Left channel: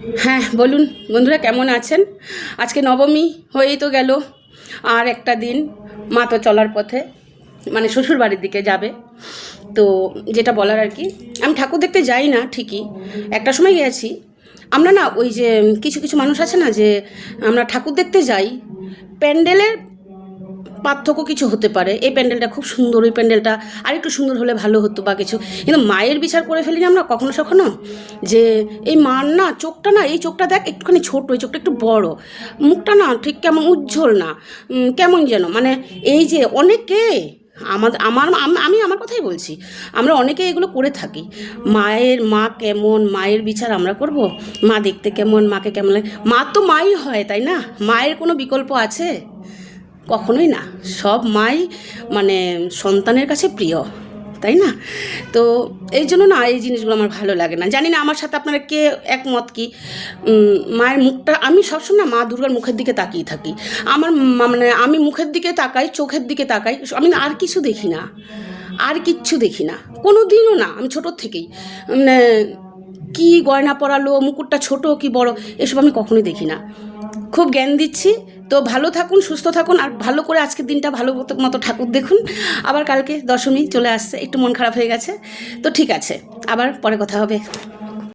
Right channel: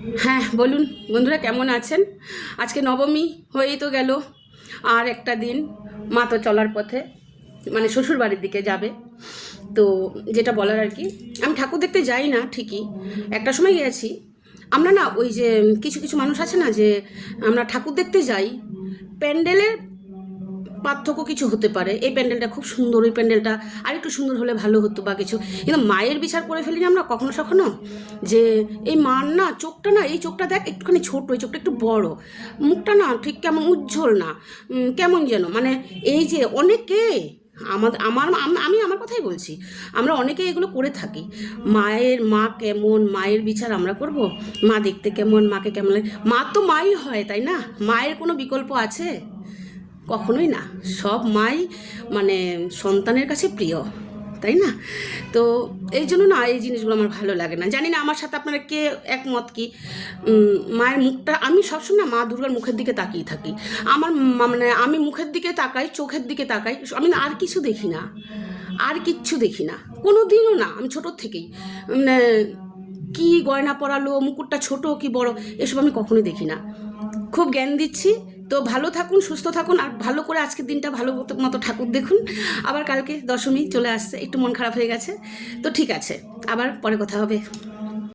হ্যাঁ, বলুন বন্ধুরা, কেমন আছেন? আজকে নবমী হয়েই তো গেল। আর একটা দিন মা তো চলার পথে, মানে শ্বশুর বাড়ির দিকে যাবে। তো যেটা বলার আর কি, আমি ঠাকুর দেখতে যাই না ঠিকই, একটা সময় গেছি। আমরা না ওই যে কিছু কিছু মানুষ আছে না, যে আমরা ঠাকুর দেখতে যাই, প্যান্ডেলের পার্থক্য কিছু হতে পারে। এই প্যান্ডেলটা খুব সুন্দর, ওই প্যান্ডেলটা আর একটু সুন্দর হলে ভালো হতো বা কিছু, কিন্তু মায়ের বিচার করে ফেলি না আমরা কখনো সখনো, যে এই মার না চোখটা, না এই চোখটা দেখ একটুখানি ছোট, এই চোখটা একটু বড়, মুখটা না ঠিক কেমন উজ্জ্বল না, কেমন যেন, মানে এই যে অনেকে আমি আমার কথাই বলছি, আমরা অনেকে এগুলো করে থাকি। মা কেমন, মায়ের বিচার আমরা করব? মা দেখতে কেমন, মাকে কেমন লাগে? মা তো মাই হয়, তাই না? মায়ের কোনো বিকল্প আছে? কখনোই না। সব মাই মানে সন্তানের কাছে প্রিয়, তাই না? তো এই জন্য না এই জিনিসগুলো আমার ভালো লাগে না। জানি না আমার সাথে আপনারা কে একমত কি। মায়ের মুখটা আমি সবসময় না মা দুর্গার মুখের দিকে তাকিয়ে থাকি। আমার মানে আমি মুখের দিকে তাকাই, চোখের দিকে তাকাই, আমি না আর কিছু দেখি না, আর কিচ্ছু দেখি না, কোনো দিনও না। আমি ছোটোর থেকেই মানে কি গয়না পরালো, মুকুটটা ছোট কি বড়, এসব আমি কখনোই দেখি না। খুব জ্ঞান দিচ্ছি। তো ভালো থাকুন, সুস্থ থাকুন, আর ভালো করে আজকের দিনটা ভালো মতো ঠাকুর দেখুন। আবার কালকে দশমী চলে আসছে, একটু মন খারাপ হয়ে গেছে। তো ঠিক আছে, আবার পরে কথা হবে।